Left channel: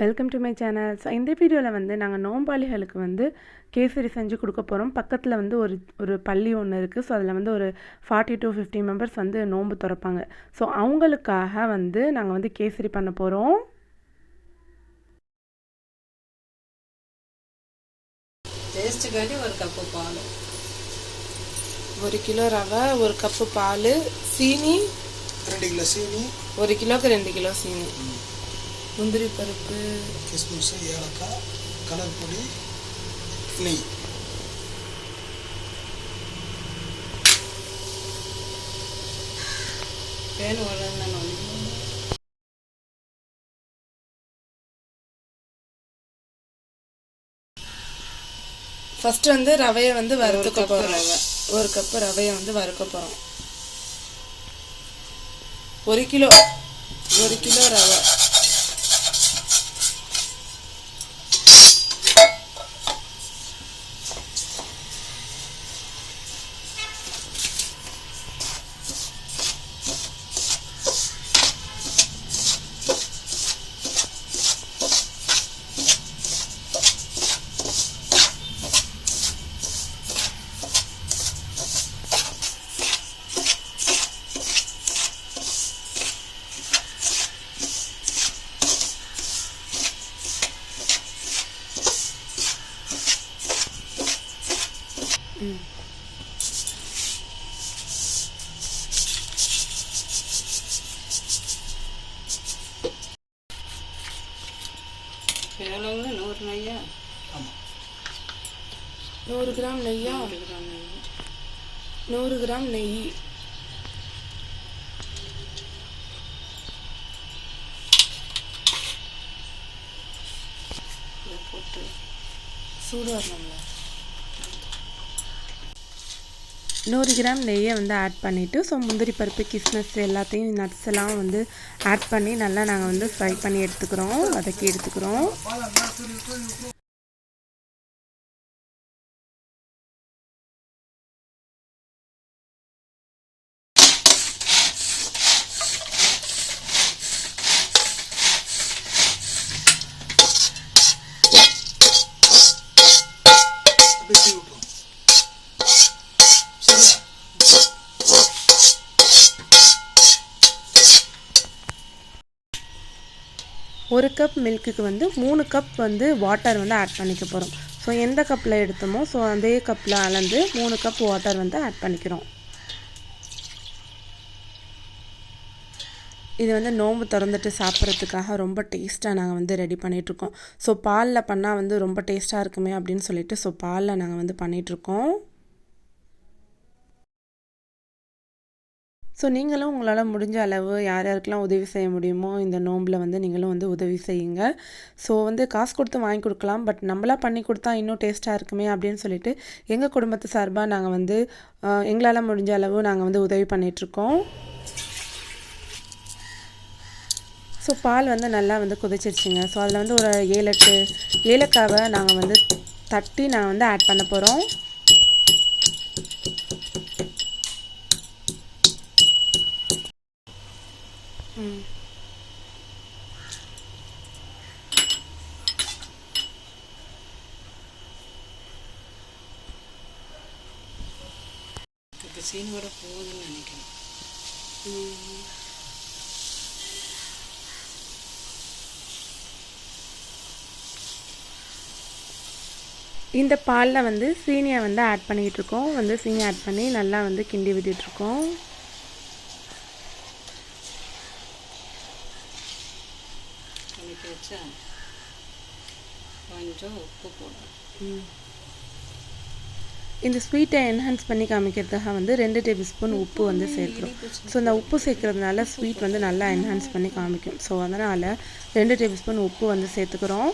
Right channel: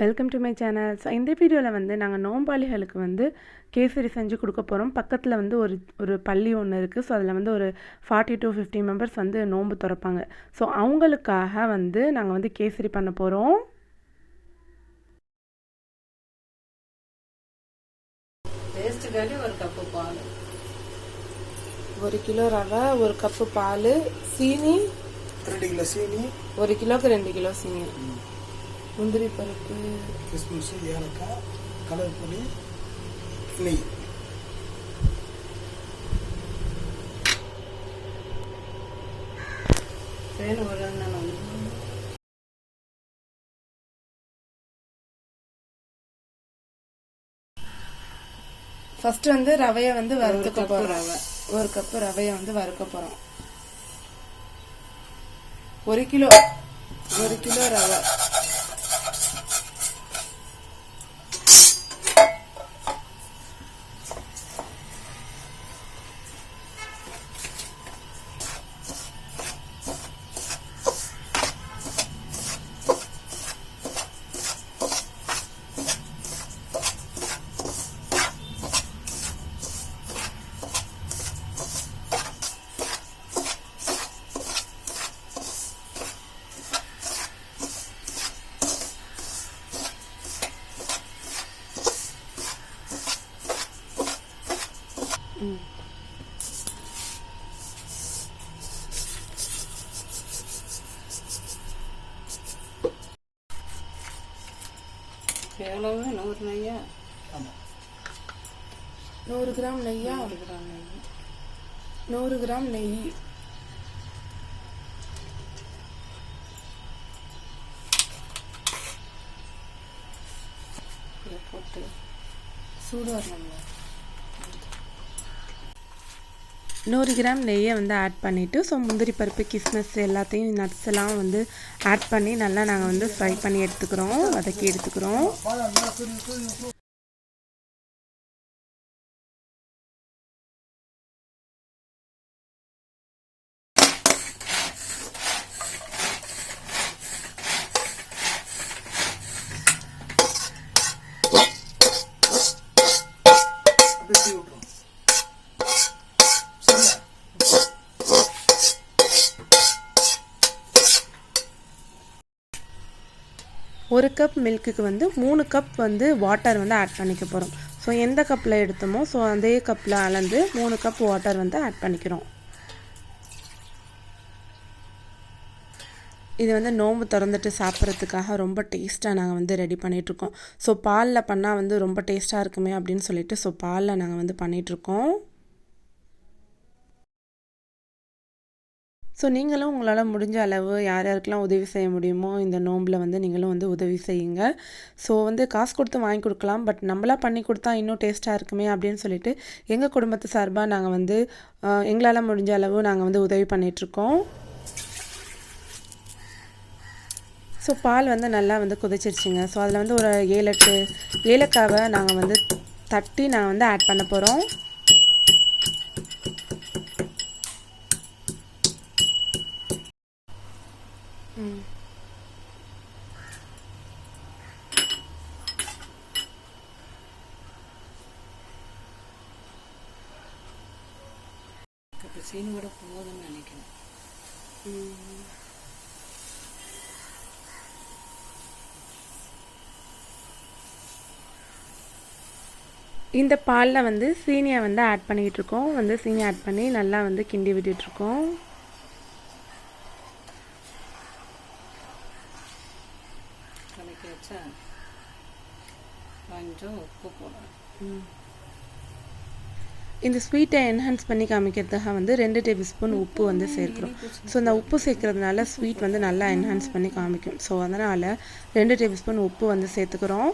Welcome to my channel. So இந்த வீடியோவில் வந்து நாங்கள் நோம்பாளிகளுக்கு வந்து கேசரி செஞ்சு கொடுக்க போகிறோம். பக்கத்தில் வந்து ஒரு பள்ளி ஒன்று இருக்குது. ஸோ அதில் வந்து ஒரு 40 to 50 மெம்பர்ஸ் வந்து நோன்பு திறப்பாங்க. ஸோ அவங்களுக்காக வந்து நாங்கள் வந்து கேசரி பண்ண போகிறோம். டேஸ்ட்டுக்காண்டி ஒரு கப்பு பால், 1 கிலோ ரவை, 1 கப்பு பால், சீனி 2 கிலோ சீனி, 1 கிலோக்கு 2 கிலோ சீனி, முந்திரி பருப்பு, கிஸ்மிஸ், ஏலக்காய், கலர் பொடி, நெய். பேன் ஒரு ஃபஸ்ட்டு வந்து ரவையை வந்து வறுத்துக்க போகிறோம். 1 கப்பு ரவையை வந்து வறுக்க போகிறோம். 1 கிலோ ரவை. பேனவங்க 100 நெய்யா? ஆமாம், 100 கிராம் நெய்யா? 100 கிராம் நெய். போட்டு சூடு வரணும்ல. 100 கிராம் நெய்யை வந்து ஆட் பண்ணிவிட்டு, ஸோ முந்திரி பருப்பு, கிஸ்மிஸ் எல்லாத்தையும் நட்ஸ் எல்லாம் வந்து ஆட் பண்ணி நல்லா நாங்கள் வந்து ஃப்ரை பண்ணி எடுத்துக்கிறோம், வதக்கி எடுத்துக்கிறோம். ஒரு கப் மில்க்குக்கு வந்து 3 கப் வந்து வாட்டர் வந்து ஆட் பண்ணிக்க போகிறோம். ஸோ எந்த கப்பில் எடுத்தோமோ ஸோ அதே கப்பில் அளந்து 3 கப் வாட்டர் வந்து ஆட் பண்ணிக்கிறோம். இது வந்து நோன்பு திறந்துட்டு சாப்பிட்றதுக்காக ரொம்ப டேஸ்ட்டாக நாங்கள் வந்து ரெடி பண்ணிகிட்ருக்கோம். ஸோ பாலில் பண்ணால் வந்து ரொம்ப டேஸ்ட்டாக இருக்குமே அப்படின்னு சொல்லிட்டு ஸோ பாலில் நாங்கள் வந்து பண்ணிகிட்ருக்கோம். ஸோ நீங்களும் உங்களால் முடிஞ்ச அளவு யார் யாருக்கெல்லாம் உதவி செய்ய முடியுமோ இந்த நோம்பில் வந்து நீங்களும் வந்து உதவி செய்யுங்க. ஸோ வந்து காசு கொடுத்து வாங்கி கொடுக்கலாம், பட் நம்மளாக பண்ணி கொடுத்தா இன்னும் டேஸ்ட்டாக இருக்குமே அப்படின்னு சொல்லிட்டு எங்கள் குடும்பத்து சார்பாக நாங்கள் வந்து எங்களால் முடிஞ்ச அளவு நாங்கள் வந்து உதவி பண்ணிகிட்ருக்கோம். ஸோ பால் வந்து நல்லா வந்து கொதிச்சிருச்சுங்க. ஸோ அதில் வந்து ஒரு 7-8 ஏலக்காவை நாங்கள் வந்து தட்டி நாங்கள் வந்து ஆட் பண்ண போகிறோம். இப்போ சீனியோட போகுதுன்னு நினைக்கிறேன். இந்த பாலில் வந்து சீனியை வந்து ஆட் பண்ணிகிட்ருக்கோம். வந்து சீனி ஆட் பண்ணி நல்லா வந்து கிண்டி விட்டுட்ருக்கோம். கலக்கி வச்சா கொஞ்சம் உப்பு போடணும். இந்த ஸ்வீட்டை என்ஹான்ஸ் பண்ணி காமிக்கிறதுக்காக வந்து 2 டேபிள் ஸ்பூன் உப்பு வந்து சேர்க்குறோம். ஸோ இந்த உப்பு சேர்க்கறதுனால ஸ்வீட் வந்து நல்லா என்ஹான்ஸ் பண்ணி காமிக்கும். ஸோ அதனால் 2 டேபிள் ஸ்பூன் உப்பு வந்து சேர்த்துக்கிறோம்.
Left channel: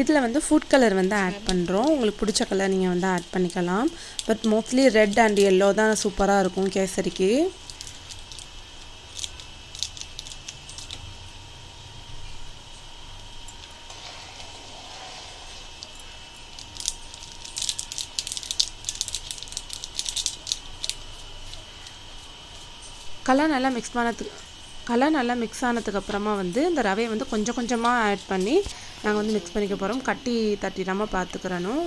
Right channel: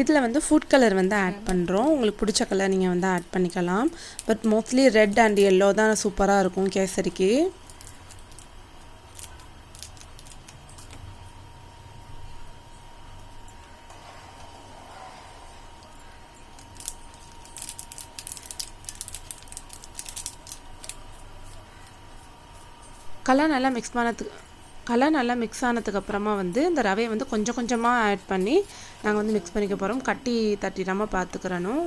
இதில் வந்து ஃபுட் கலர் வந்து ஆட் பண்ணுறோம். உங்களுக்கு பிடிச்ச கலர் நீங்கள் வந்து ஆட் பண்ணிக்கலாம். But mostly red and yellow தான் சூப்பராக இருக்கும் கேசரிக்கு. கலர் நல்லா மிக்ஸ் கலர் நல்லா மிக்ஸ் ஆனதுக்கப்புறமா வந்து இந்த ரவையை வந்து கொஞ்சம் கொஞ்சமாக ஆட் பண்ணி நாங்கள் வந்து மிக்ஸ் பண்ணிக்க போகிறோம். கட்டி தட்டிடாமல் பார்த்துக்கிறணும்.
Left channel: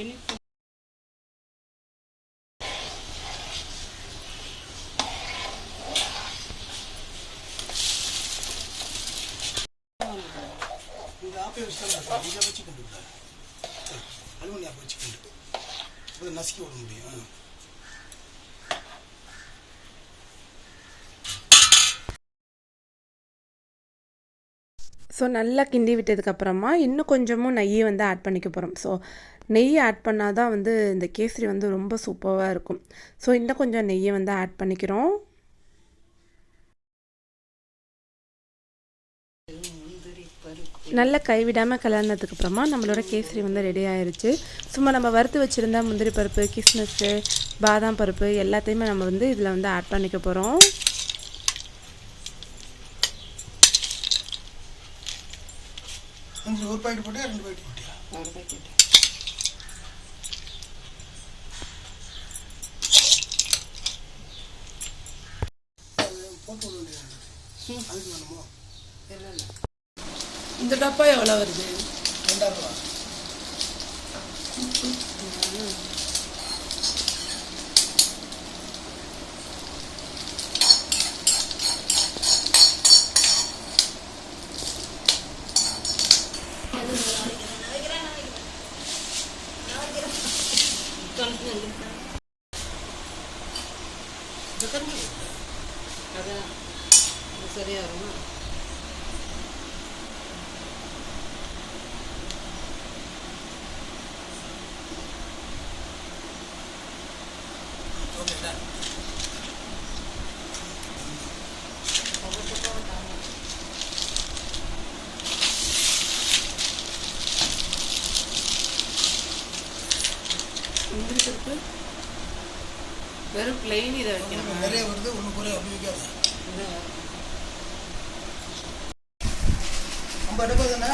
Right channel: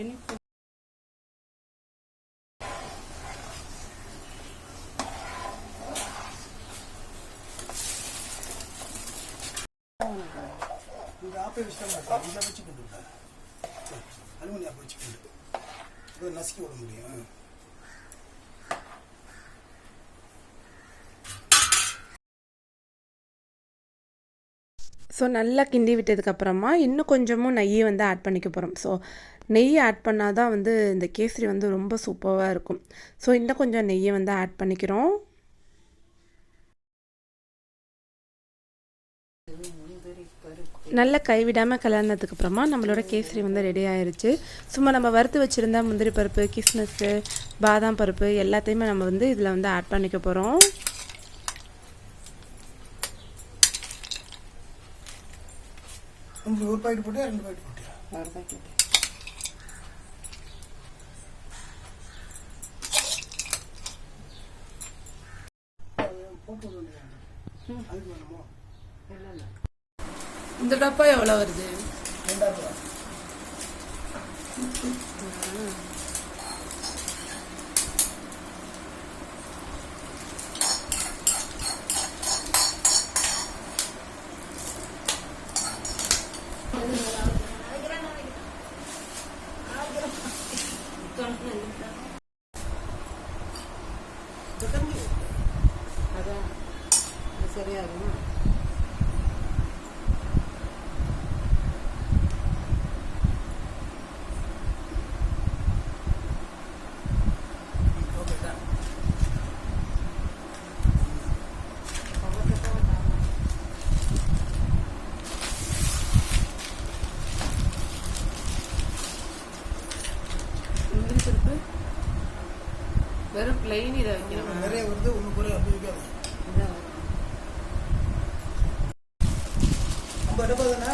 இனிப்பு இது ஆப்பே வச்சுதான் இதில் வச்சுக்கிட்டு அலுவலி ஆப்பை வச்சுக்கிட்டு இது நசுக்கி விட முடியும். ஸோ நல்லா கிண்டி விட்டதுக்கப்புறமா இன்னும் கொஞ்சமும் நெய் வந்து ஆட் பண்ணிக்க போகிறோம். ஸோ நெய் ஆட் பண்ணால் தான் வந்து இந்த கேசரி வந்து ரொம்ப சூப்பராக இருக்கும். ஸோ இன்னும் கொஞ்சம் நெய்யை வந்து ஆட் பண்ணிக்கிறோம். முந்திரி பருப்பு நல்லா கைவிடாமல் கலர்னதுக்கப்புறமா நம்மளோட கேசரி வந்து ரெடி ஆயிருச்சு. சும்மா நம்ம வறுத்து வச்சுருந்த முந்திரி பருப்பு, கிஸ்மிஸ்ஸு, பாதாம் பருப்பு எல்லாத்தையுமே நம்ம வந்து இதில் வந்து ஆட் பண்ணிக்க போகிறோம். ஒரு பாக்கெட் போட்டியா 2 பாக்கெட் போட்டியா? ஒரு பாக்கெட் போட்டு விட வேண்டியது அதுக்கு வேணுமோ? இல்லை இல்லை இந்த டப்பா எவ்வளோ வருது? 2 ரூபா. அதான் இது சரியா வருமா? முந்திரி பருப்பு வெறும் பிளெயின் இதை வைக்கணும். நிறைய வருது ஒன்று குறைய அப்படி வைக்காது. இதான் 50 டப்பா தானே?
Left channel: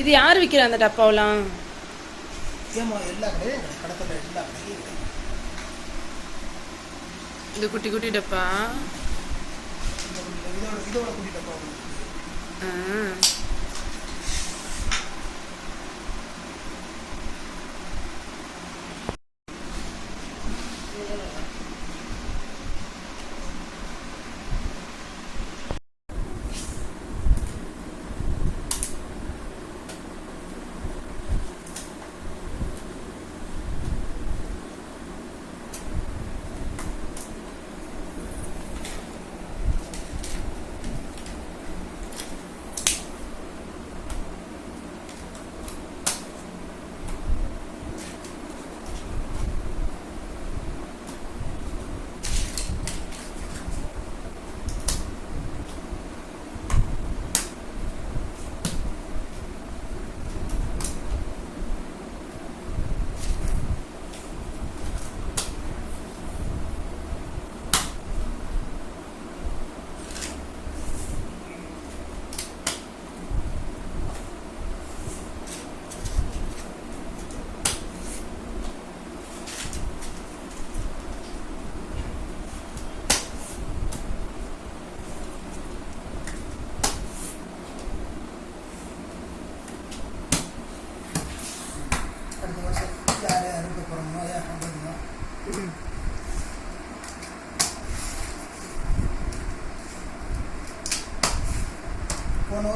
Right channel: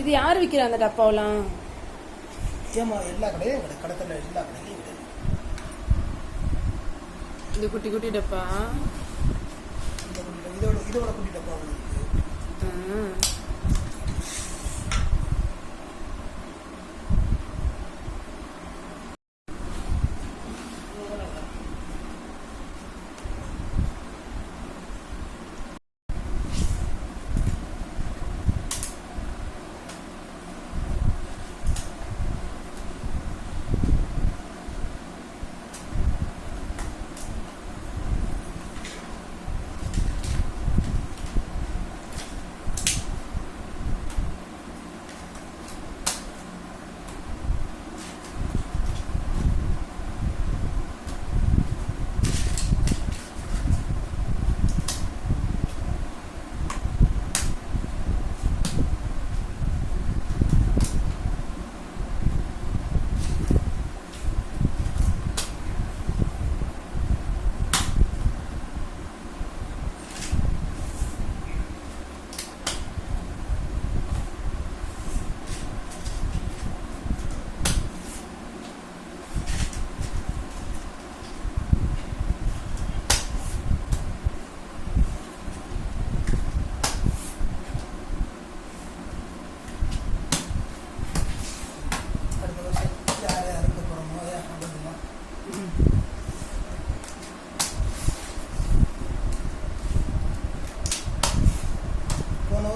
இது யார் விற்கிற அந்த டப்பாவெலாம்? ஏமா எல்லா கடையும் கிடையாது, கடத்தல எல்லா கடையிலையும் கிடையாது. இந்த குட்டி குட்டி டப்பா. இதோட குட்டி டப்பா ஒன்று இருக்குது.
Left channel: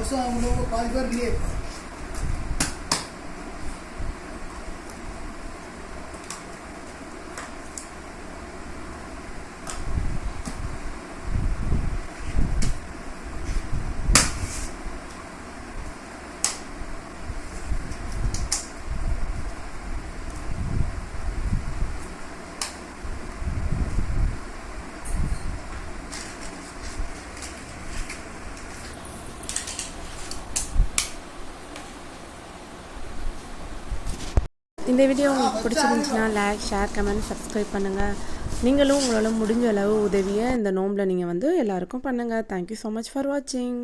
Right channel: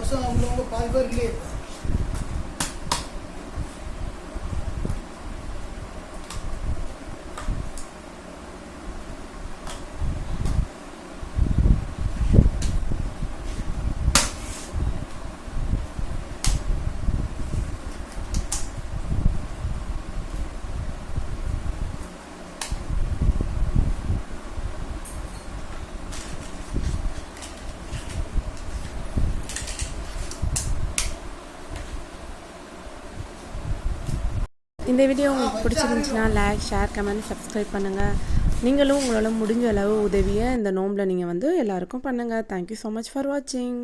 வருஷம் உள்ளவங்க பாதி பேர் இல்லையே இப்போ. இந்த வீடியோ உங்களுக்கு பிடிச்சிருந்துச்சுன்னா லைக், ஷேர், கமெண்ட், சப்ஸ்கிரைப் பண்ணுங்கள். நீங்களும் உங்களால் முடிஞ்ச அளவு உதவியை இந்த நோம்பில் நீங்கள் வந்து எல்லாருக்கும் பண்ணுங்கள். தேங்க்யூ ஸோ மச் ஃபார் வாட்சிங்.